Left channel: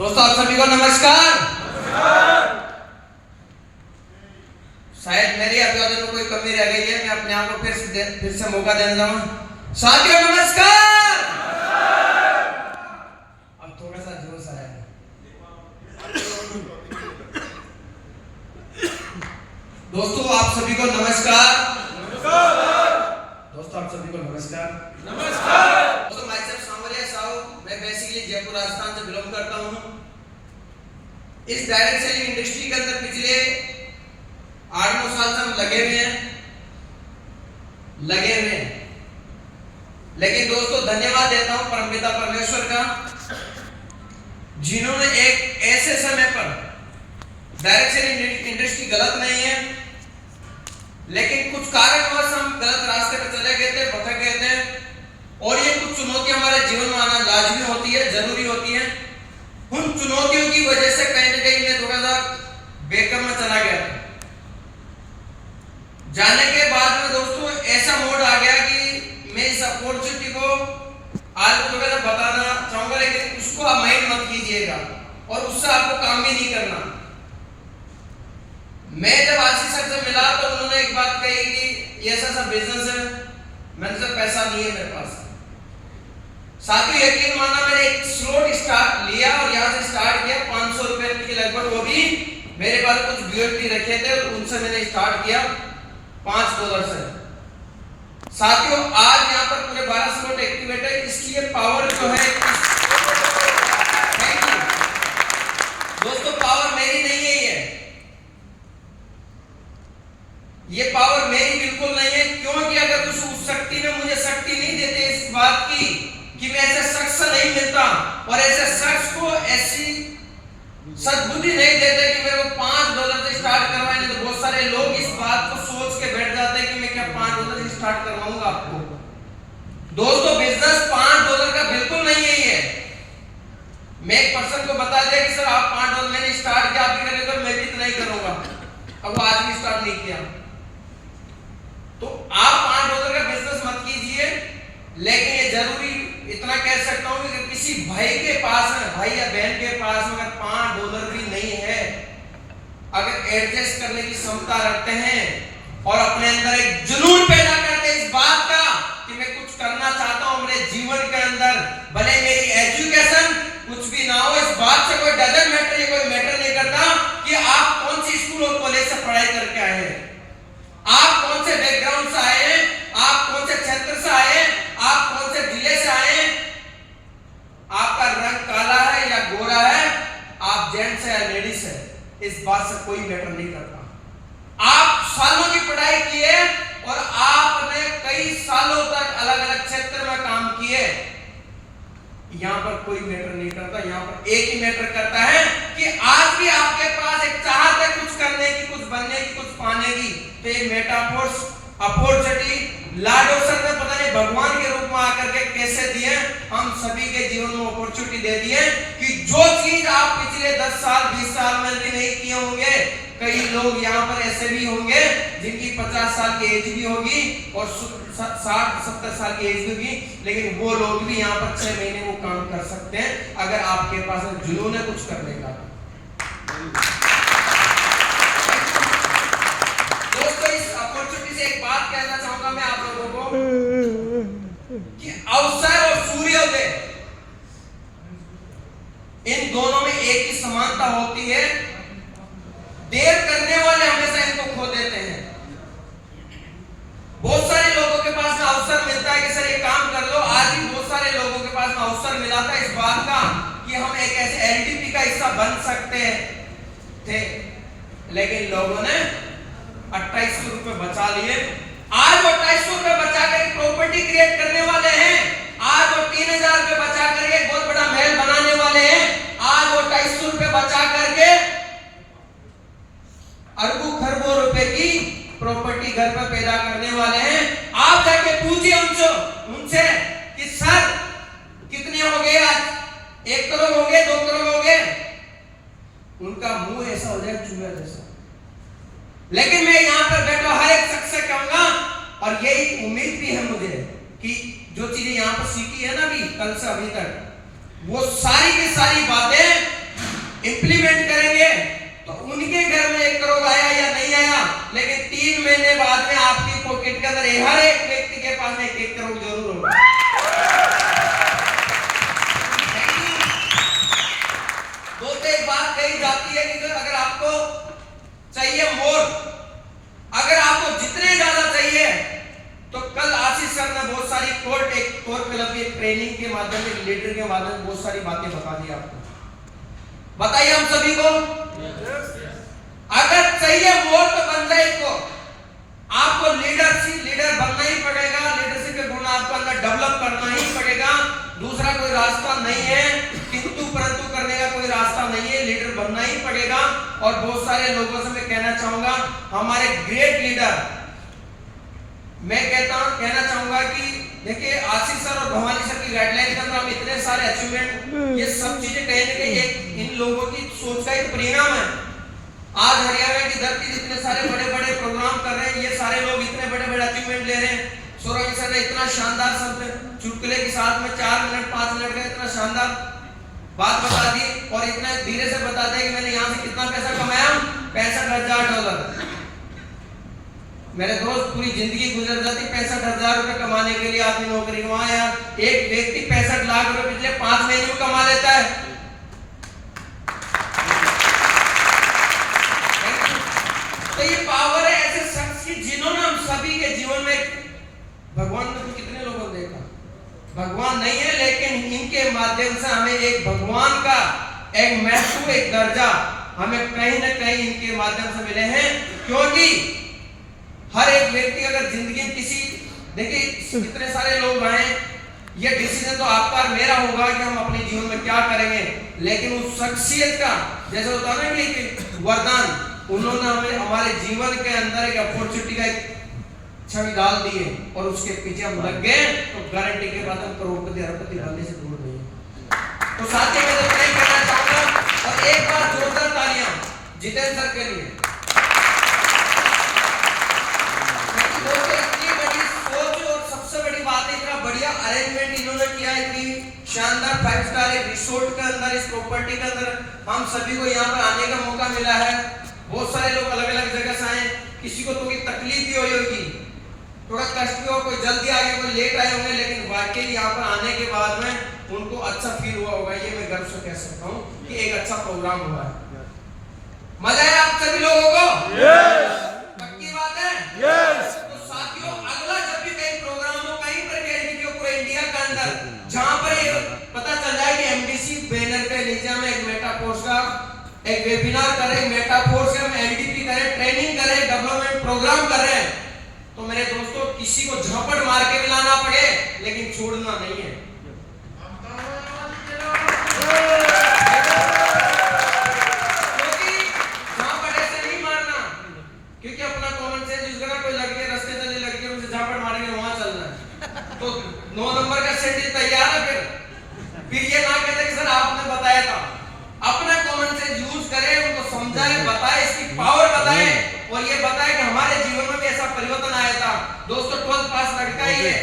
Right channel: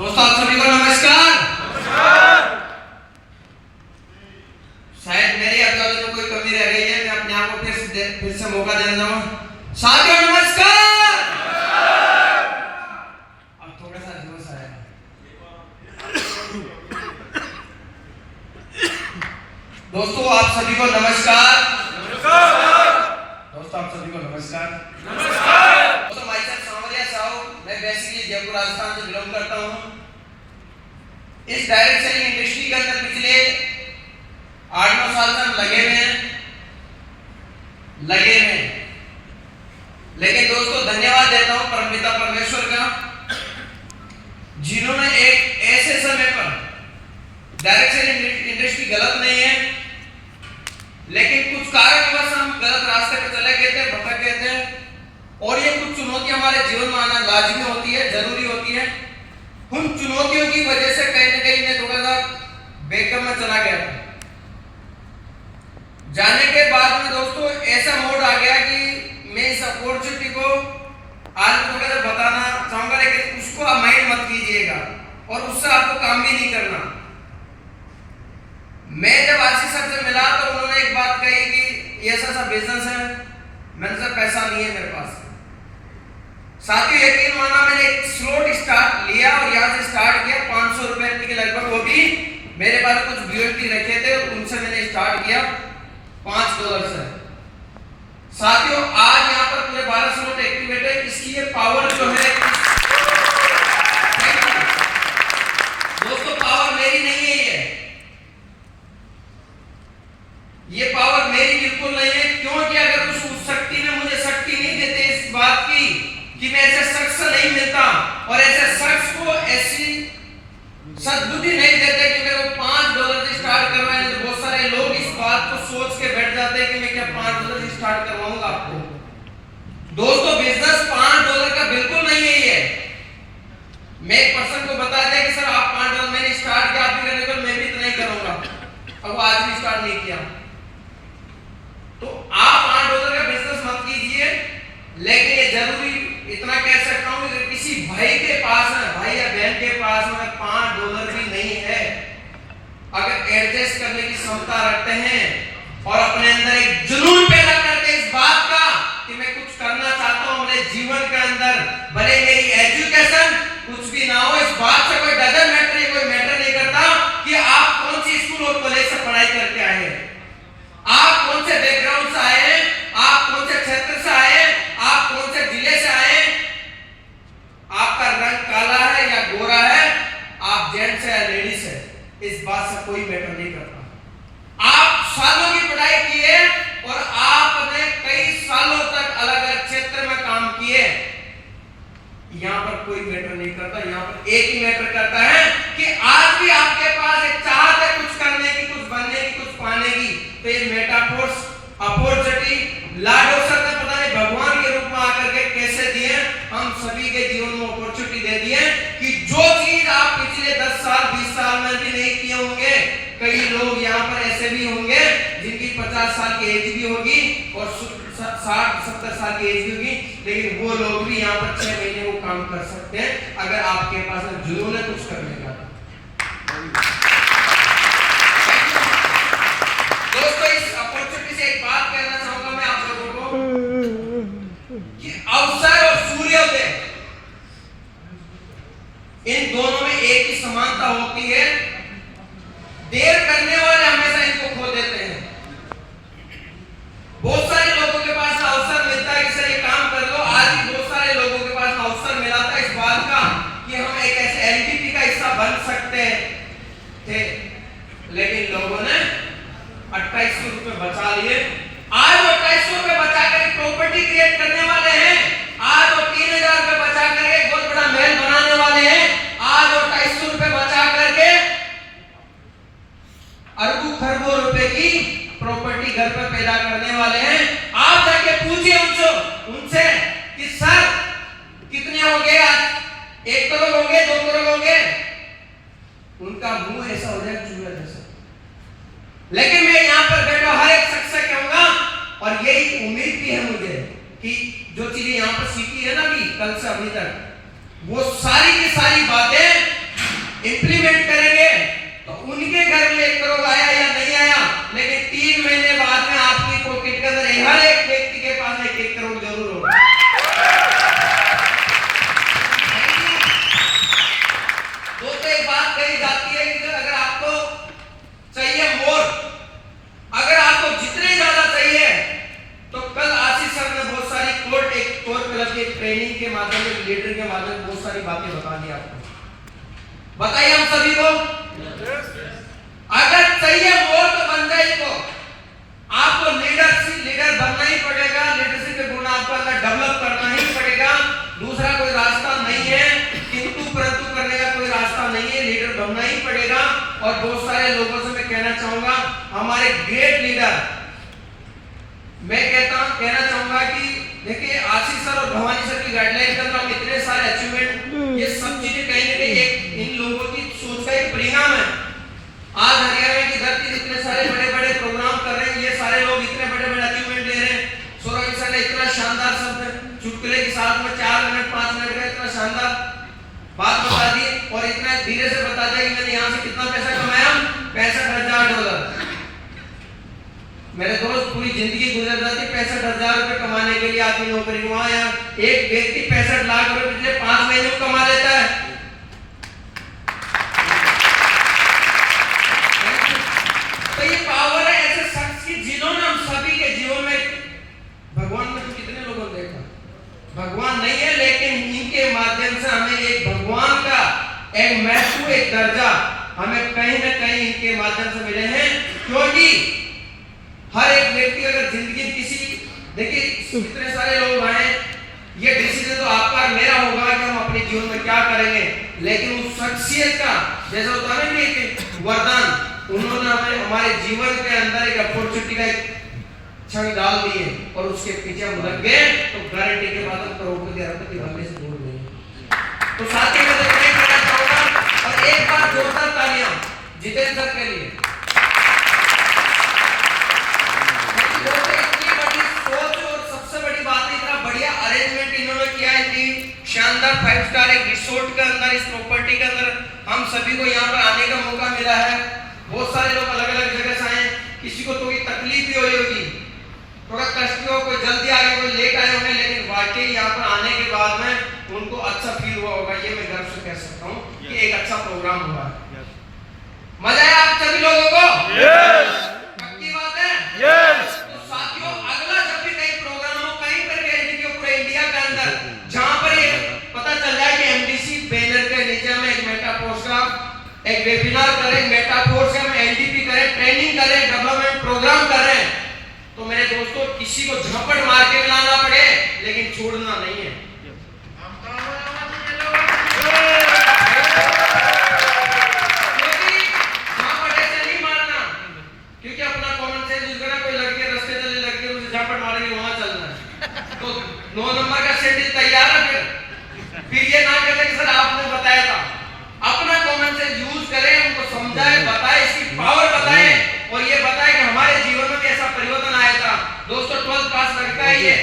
दोस्तों आप सभी को नमस्कार। शायद मेरी अभी तो कोई कमी रह गई है, मैं अपने आप को फिर से मौका देना चाहूँ। साथियों नमस्कार। अब थोड़ा सा जोश आया। दोस्तों आप सभी को नमस्कार। दोस्तों आप सभी को नमस्कार। दोस्तों माय सेल्फ सांवरिया साहू, मैं बेसिकली जयपुर राजस्थान से बिलोंग करता हूँ। इस डायरेक्ट सेलिंग इंडस्ट्री के अंदर पिछले 8-9 साल से हम लगे हुए हैं। लेकिन दोस्तों धन्यवाद देता हूँ परमपिता परमेश्वर का, जिन्होंने एक ऐसे समय पर डायरेक्ट सेलिंग इंडस्ट्री गलत नहीं है, लेकिन कुछ कारणवश हम गलत रास्ते पर चले गए थे, भटक गए थे, और ये कुछ चुनौतियां हमारे जीवन में आना लाजमी होती है, जरूरी होती है। उन चुनौतियों की वजह से कहीं न कहीं मैं थोड़ा सा बैकअप में चला गया था। जाने के बाद में दोस्तों ऐसा मोड आ गया कि मैं इस अपॉर्चुनिटी को आज थोड़ा सा बताना चाहूंगा, लेकिन उसको आप माइंड मत कीजिएगा और उससे आपको काम भी नहीं करना। मैं जब आशीष सर से मिला तो उन्होंने एक बात कही कि ऐसा बिजनेस है, मैंने कहा पैसा नहीं है मेरे पास। साथियों यकीन माना, मैंने एक स्लॉट स्टार्ट लिया और यहाँ से स्टार्ट किया 500 रुपए के लगभग, वो भी मेरे पास कुछ बीएलटी रखे थे, उनसे मैंने स्टार्ट किया $5 से। साथियों आज यहाँ पर पूरे 12 स्लॉट एक्टिवेट है। इसकी ये पावर जो है दोस्तों, पावर मेरी नहीं है, ये पावर मेरी बिल्कुल नहीं है। क्योंकि अगर उस शक्ति ने मुझे शक्ति नहीं देते इस बात की कि मैं ऐसे शख्स से नहीं मिलता, और ऐसे शख्स को ऐसी सद्बुद्धि नहीं देते कि मेरे को $5 से स्टार्ट करवाएं, तो बहुत सारे लोग इस बात को सोच के बैठ जाते हैं कि मैं क्या $5 से स्टार्ट करवाऊंगा आपको। दोस्तों बिजनेस $5 का बिल्कुल नहीं है ये। मैं एक पर्सन को बता दे कि सर आप $5 मैंने स्टार्ट किया, आप भी करेंगे तो मैं भी इतना ही करूंगा, अब वो आज भी स्टार्ट नहीं किया। तो आप $5 का बिजनेस मत कीजिए, लेकिन ये जरूरी इतना कह सकता हूं कि किसी भाई के पास है, भाई या बहन के पास में अगर $5 भी नहीं है, अगर एडजस्ट करने की क्षमता रखते हैं और अपने अंदर एक जुनून पैदा करके इस बात का कि मैं कुछ करना चाहता हूं मेरे जीवन के अंदर, भले मेरी एजुकेशन कुछ भी ना हो, इस बात से कोई डजन मैटर, कोई मैटर नहीं करता कि आप कौन सी स्कूल और कॉलेज से पढ़ाई करके आए हैं, आप कौन से बैकग्राउंड से आए हैं, आप कौन से क्षेत्र से आए हैं, आप कौन से जिले से आए हैं, आपका रंग काला है या गोरा है, आप जेंट्स है या लेडीज है, इस बात से कोई मैटर नहीं करता। आप सालों की पढ़ाई की है और आपने कई सालों तक अलग अलग क्षेत्र में काम किए, यहां पर कोई मैटर नहीं करता। यहां पर एक ही मैटर करता है कि आज भी आपके पास एक चाहत है कुछ करने की, कुछ बनने की, कुछ पाने की, तो ये मेटाफोर्स अपॉर्चुनिटी लॉर्ड ऑफ सर ने पता नहीं भगवान के रूप में आकर के कैसे दिए, हम सभी के जीवन में अपॉर्चुनिटी दे दी है कि जो चीज आप पिछले 10 साल 20 साल में भी नहीं किए होंगे, कई लोग यहाँ पर ऐसे भी होंगे जिनकी 50 साल की एज भी होगी और 60-70 साल की एज भी होगी, लेकिन वो लोग भी यहाँ पर 6 महीने वो काम कर सकते हैं अगर आपके पास जुनून है कुछ करने का। दोस्तों इस अपॉर्चुनिटी से एक बात कहना चाहूंगा मैं आप लोगों को कि अवसर और सूर्योदय, इन दोनों में एक ही समानता होती है। देर करने वाले हमेशा इनको खो देते हैं। बहुत सारे लोगों के पास अवसर मिलता है कि सर ये काम कर लो, आज भी बहुत सारे लोगों के पास अवसर मिला था इस बात का कि हम एक ऐसे एलडीपी का हिस्सा बन सकते थे, लेकिन लोगों ने 2800 रुपए बचा लिए। आज वो 2800 रुपए बचा कर प्रॉपर्टी क्रिएट करने वाले हैं, आज वो 3000 रुपए बचा करके बहुत बड़ा महल बनाने वाले हैं, आज वो 2800 रुपए बचा करके अरबों खरबों रुपए की प्रॉपर्टी घर पर पैदा करने वाले हैं। आप जाके पूछिए उनसे कि सर कितने हो गए, आज 1 करोड़ हो गए, 2 करोड़ हो गए, उनका मुंह ऐसा हो जाए चूहा जैसा। लेकिन मैं यहाँ पर बैठा हर एक शख्स से कहूंगा, और यही उम्मीद भी है मुझे कि जो चीजें यहाँ पर सीखी है ना भी कल से अभी तक, वो सारी की सारी बातें अंदर हर एक व्यक्ति के पास 1 करोड़ जरूर होगा। दोस्तों एक बात कही जाती है कि अगर आपको चाहिए मोर, अगर आपको जितने ज्यादा चाहिए तो कल आशीष सर ने बहुत सारी एक कोर क्लब की ट्रेनिंग के माध्यम से, लीडर के माध्यम से बहुत सारी बातें बता दी आपको। बताइए हम सभी को, अगर चाहिए मोर तो बन जाए तो आपको लीडर बनना ही पड़ेगा। लीडरशिप के गुण आपको अंदर डेवलप करना ही पड़ेगा। दूसरा कोई रास्ता नहीं है, किंतु परंतु करने का कोई रास्ता नहीं है, लीडर बनना ही पड़ेगा। और बहुत सारे लोगों से मैं कहना चाहूंगा, हमारे ग्रेट लीडर, मैं कहना चाहूंगा कि देखिए आशीष सर और भवानी सर की गाइडलाइन के अंदर हम इतने सारे अचीवमेंट, ये सब चीजें कहीं ना कहीं एक इन लोगों की सोच का एक परिणाम है। आज हरियाणा की धरती इतने सारे बड़े बड़े प्रोग्राम कर रहे हैं, ये सारे लोग इतने बड़े बड़े अचीवमेंट ले रहे हैं। सौरभ सर ने इतना शानदार शब्द चुटकुले के साथ में 4 मिनट 5 मिनट का इतना शानदार बात बता दी और इतना धीरे से बता दिया कि मैंने यहाँ से कितना पैसा कमाया, $65,000। मेरे दोस्त पूरी जिंदगी गुजर जाती 65,000 रुपए कमाने के लिए आदमी नौकरी, वहां यार एक व्यक्ति 65 लाख रुपए पिछले 5 महीने में कमा लेता है। तो ये पावर है ऐसे शख्स की जिन्होंने हम सभी के जीवन में, भगवान ने तो कितने लोगों ने देखा, भगवान नहीं है लेकिन इनके माध्यम से हमें एक भगवान का एक महत्व, एक दर्जा हमें कहीं ना कहीं इनके माध्यम से मिले हैं। क्योंकि हर एक व्यक्ति अगर जिंदगी किसी, देखिए कितने सारे लोग आए, ये डिसीजन तो आपका और मेरा होगा कि हम अपने जीवन में क्या करेंगे, लेकिन उस शख्सियत का जैसा होता है ना कि वरदान, उन्होंने हमें हमारे जीवन के अंदर एक अपॉर्चुनिटी का एक क्षण डाल दिए और उसके पीछे हम लग गए तो गारंटी के बाद हम करोड़पति अरबपति बनने से दूर नहीं। तो साथी मैं नहीं कहना चाहूंगा और एक बार जोरदार तालियां जितेंद्र सर के लिए। इतनी बड़ी सोच और सबसे बड़ी बात है, इतना बढ़िया अरेंजमेंट इन्होंने किया है कि शानदार 5 स्टार एक रिसोर्ट के अंदर, इस प्रॉपर्टी के अंदर हम सभी को यहाँ पर आने का मौका मिला है। बहुत सारे लोग अलग अलग जगह से आए, किसी को थोड़ी तकलीफ भी हुई होगी, थोड़ा कष्ट भी हो, कोई जल्दी आ गया, कोई लेट आए होंगे, लेकिन वाकई यहाँ पर आने के बाद में उनको अच्छा फील हुआ होगा। ये मैं गर्व से कह सकता हूँ कि एक अच्छा प्रोग्राम हुआ। मजा आया आप सभी लोगों को? पक्की बात है? तो साथियों, अगला जब भी कहीं प्रोग्राम हो, कहीं पर भी पूरे इंडिया के अंदर, जहाँ पर पता चल जाए कि एमडीसी बैनर के नीचे हम एक मेटाफोर्स का एक वेबिनार करें, मेटाफोर्स का हम एलडीपी करें, ट्रेनिंग करें, डेवलपमेंट प्रोग्राम कर रहे हैं, तो मेरे दोस्तों किसी को झपट मार के लाना पड़े लेकिन छोड़ना नहीं है। क्योंकि झपट ऐसे नहीं मारना, क्योंकि अपना कॉमन सेंस यूज करना, कोई लड़के रास्ते चले लड़के उसे झपट मारेंगे, वहां चलना है। तो 9 नंबर का सेंटेंस तैयार है, फिर ये ना कहते कि सर आपने बताया था। अपना कॉमन सेंस यूज करें, उनको समझाएं, बताएं, इसकी पावर बताएं और ये बताएं कि हमारे जीवन में भी ऐसा परिवर्तन आया था। दोस्तों 12th पास लगता ही है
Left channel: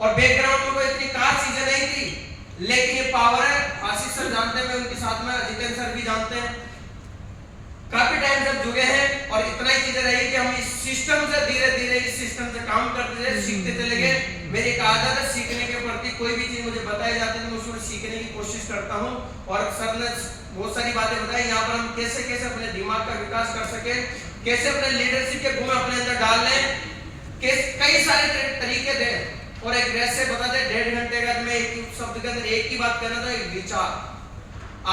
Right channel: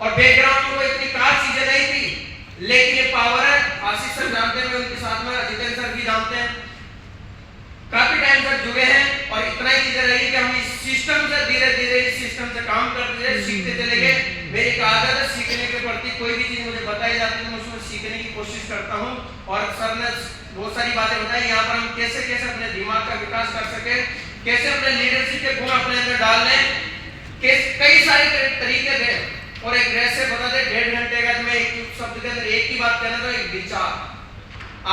और बैकग्राउंड में कोई इतनी खास चीजें नहीं थी, लेकिन ये पावर है। आशीष सर जानते हैं, मैं उनके साथ में जितेंद्र सर भी जानते हैं, काफी टाइम तक जुड़े हैं और इतना ही चीजें रही कि हम इस सिस्टम से धीरे धीरे इस सिस्टम से काम करते रहे, सीखते चले गए। मेरी एक आदत है, सीखने के प्रति कोई भी चीज मुझे बताई जाती है मैं उसमें सीखने की कोशिश करता हूँ। और सर ने बहुत सारी बातें बताई, यहाँ पर हम कैसे कैसे अपने दिमाग का विकास कर सके, कैसे अपने लीडरशिप के गुण अपने अंदर डाल लें, कई सारे तरीके थे। और एक ड्रेस से बता दे 1.5 घंटे का मैं एक शब्द के अंदर एक ही बात कहना, तो एक विचार,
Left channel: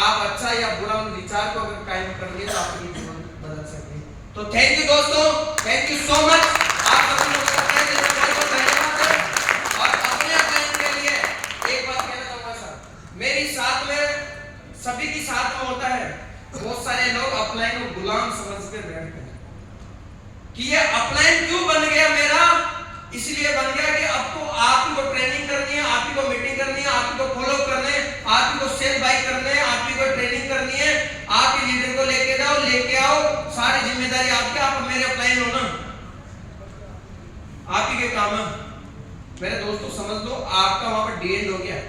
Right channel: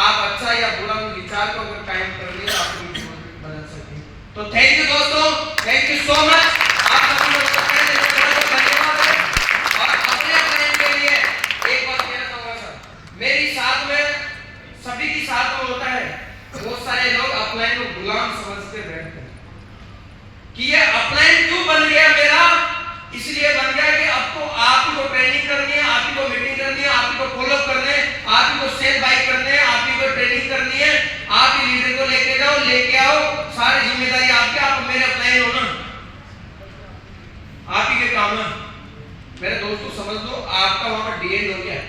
आप अच्छा या बुरा उन विचार को अगर कायम कर लिया आपको जीवन बदल सके। तो थैंक यू दोस्तों, थैंक यू सो मच। आप सभी लोगों का धन्यवाद है। और अपने प्लान के लिए एक बात कहना चाहूंगा सर, मेरी साथ में सभी की साथ में होता है, बहुत सारे लोग अपलाइन को गुलाम समझते बैठते हैं कि ये अपलाइन क्यों बन गया मेरा, इसलिए बन गया कि अब तो आप ही को ट्रेनिंग करनी है, आप ही को मीटिंग करनी है, आप ही को फॉलो करने हैं, आप ही को सेल बाय करने हैं, आप ही को ट्रेनिंग करनी है, आप ही लीडर को लेके आओ, सारी जिम्मेदारी आपके, आप मेरे अपलाइन हो ना, आप ही के काम है। मेरे दोस्तों समझ लो, आपका वहां पर डी एंड हो गया,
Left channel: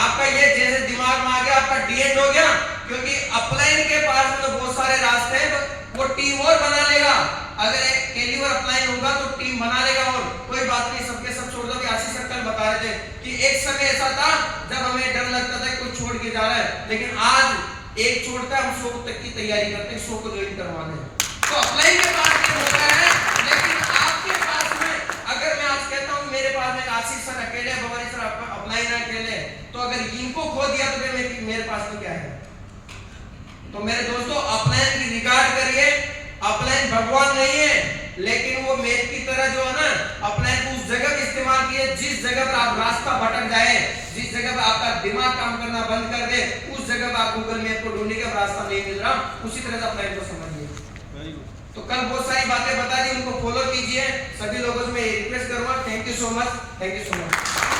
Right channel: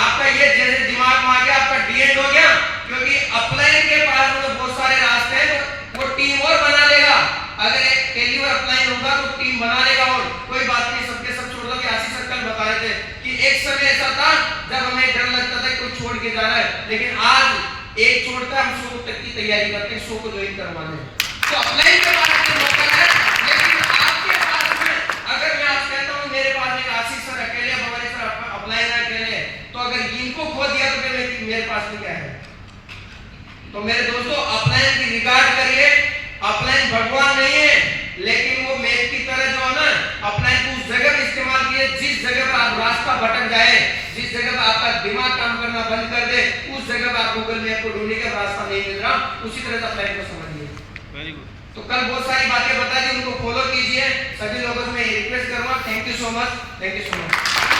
आपका ये जैसे दिमाग में आ गया, आपका डी एंड हो गया, क्योंकि अपलाइन के पास में तो बहुत सारे रास्ते हैं, वो टीम और बना लेगा। अगर एक टेलीवर अपलाइन होगा तो टीम बना लेगा। और कोई बात नहीं, सबके सब छोड़ दो। कि आशीष सर कल बता रहे थे कि एक समय ऐसा था जब हमें डर लगता था कोई छोड़ के जा रहा है, लेकिन आज एक छोड़ता है, हम 100 तक की तैयारी करते हैं, 100 को ज्वाइन करवाने। तो अप्लाई के पास में मौका है, लेकिन आपके पास में अगर मैं आज कहता हूं मेरे पास में आशीष सर अकेले, भवानी सर अप्लाई ना अकेले, तो अगर इनको खो दिया तो मेरे पास में क्या है? तो मेरे दोस्तों, अपलाइन की रिगार्ड करिए। अपलाइन भगवान नहीं है, लेकिन वो मैप की तरह जो है ना, अपलाइन को उस जगह में इस्तेमाल किए जिस जगह पर आप रास्ता भटक जाए, जिस जगह पर आपका दिमाग काम करना बंद कर दे, उस जगह पर आप गूगल मैप को ढूंढने का रास्ता नहीं मिल रहा, उसी तरह से अपलाइन को समझिए। Very good. तो कल बहुत सारी बातें बता दी, उनको फॉलो कीजिए। सभी लोगों से मैं रिक्वेस्ट करूंगा। Thank you so much, thank you so much.